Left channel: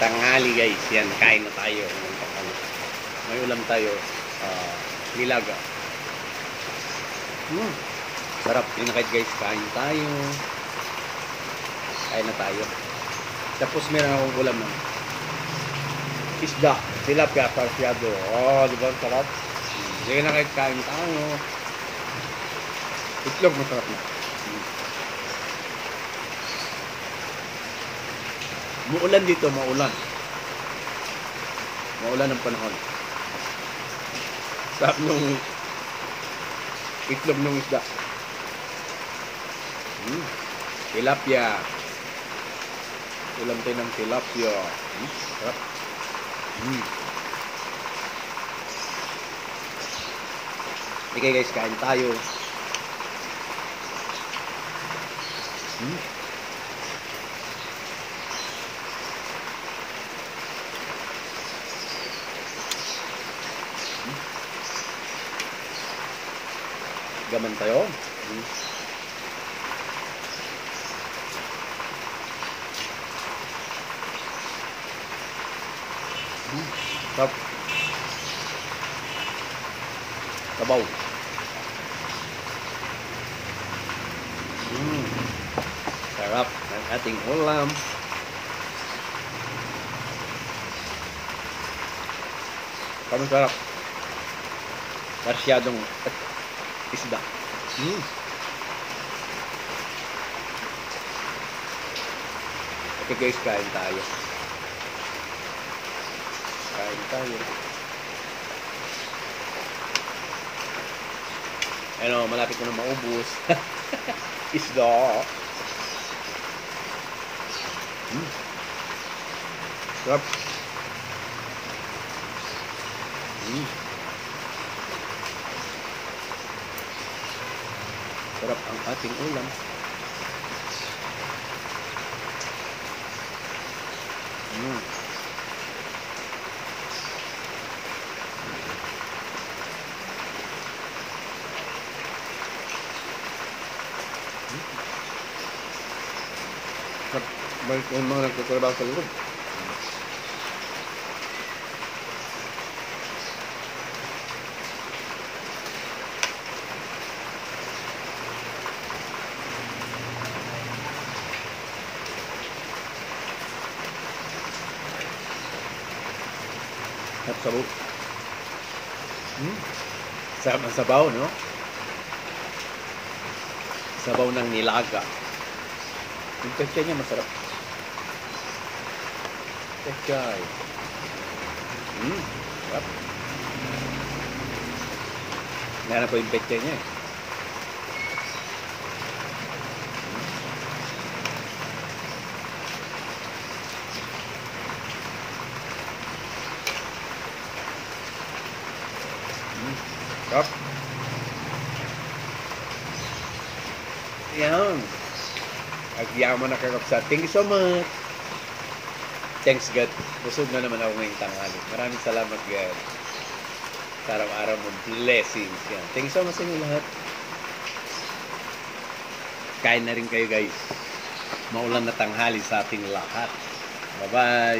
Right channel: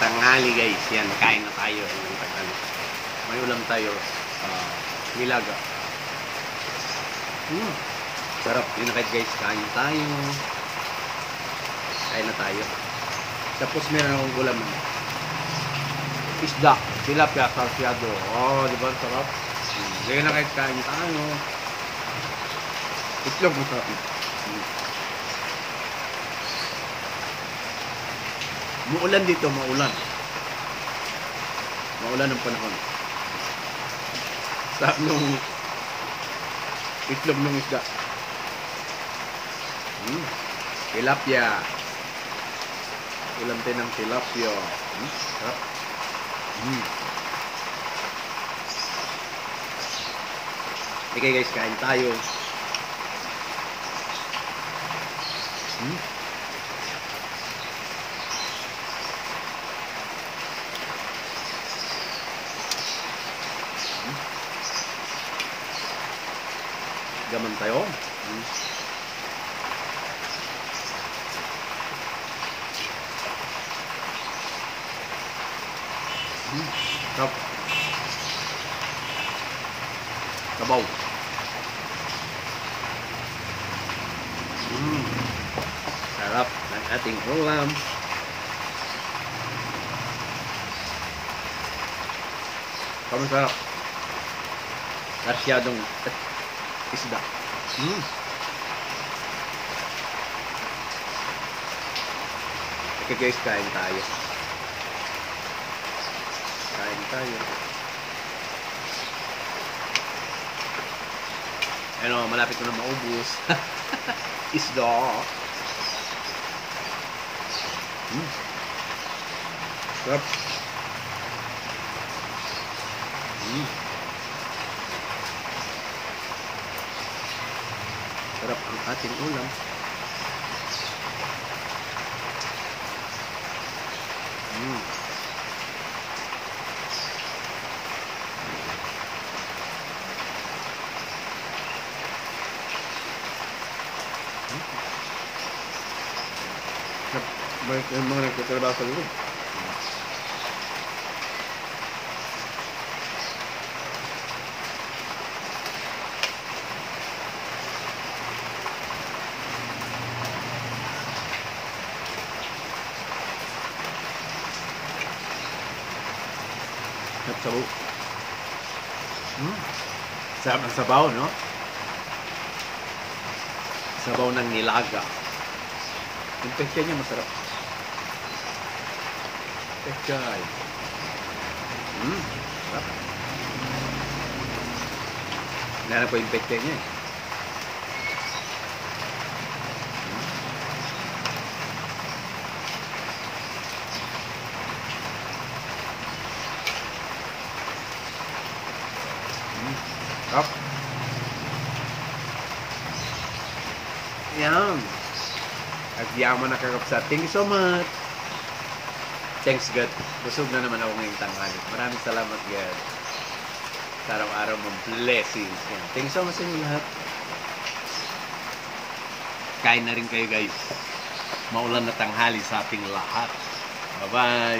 tanghali guys. Yan, kain na tayo ng tanghali. May ulam tayo. Nilaga. Sarap. Yun na kahit guys. Kain tayo. Kain na tayo. Tapos meron akong ulam ng isda. Tilapia sarsyado. Oh, di ba? Sarap. Sige na kahit kain tayo. Itlog masarap. Muulan dito, maulan. Maulan ang panahon. Sarap nung itlog ng isda. Tilapia. Ulam tayo ng tilapia. Sarap. Okay guys, kain tayo. Gaman tayo. Sarap. Sabaw. Sarap ng ating ulam. Kamu sarap. Masyadong isda. Okay guys, kain tayo. Kain tayo. Ano, malapit ko na maubos. Isda. Sarap. Sarap ang ating ulam. Balik yung mga nagtatrabaho sa loob. Sabaw. Sarap ang sabaw, no? Sabaw ng nilaga. Yung pechay niya masarap. Pechay. Sarap. Nahanap ko yung pechay niya eh. Sarap. Yan. Agyaman na kakapsa. Thank you so much. Thanks God. Busog na naman ako ngayong tanghali. Maraming salamat God. Sa araw-araw mong blessings. Yan. Thank you so much sa inyo lahat. Kain na rin kayo guys. Maulan na tanghali sa ating lahat. Bye-bye.